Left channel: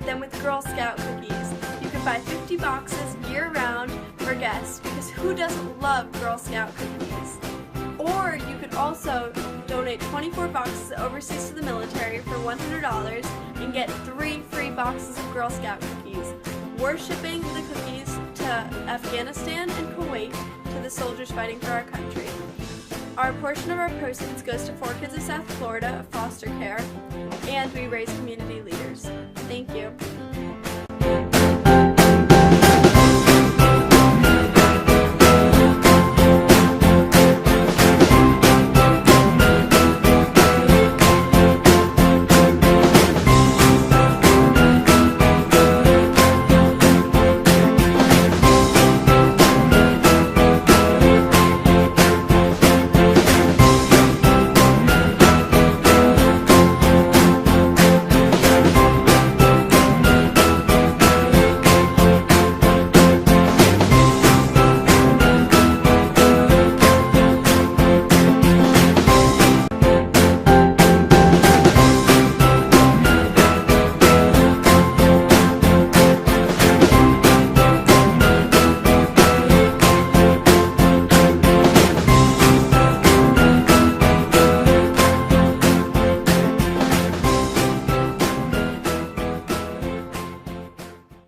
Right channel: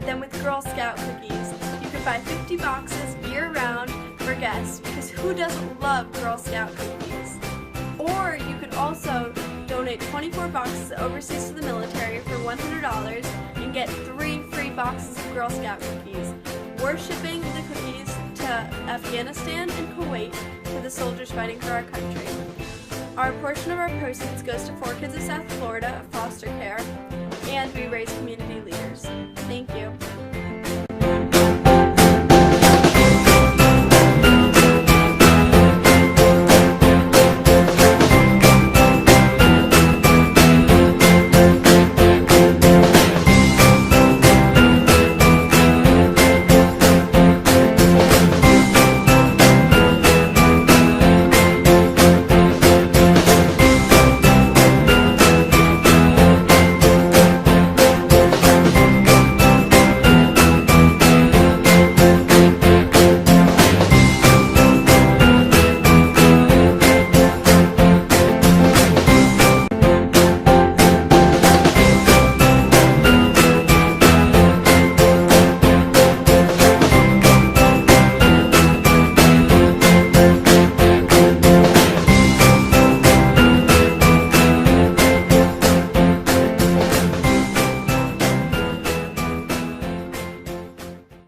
than with Girl Scout cookies. You can buy 50 boxes year-round for guests, because who doesn't love Girl Scout cookies? Or you could also donate 24 boxes overseas to the military for $100 and get 3 free boxes of Girl Scout cookies. We're shipping the cookies to Afghanistan and Kuwait, to the soldiers fighting for our country. Our portion of our proceeds goes to 4 Kids of South Florida, foster care, and we raise community leaders. Thank you.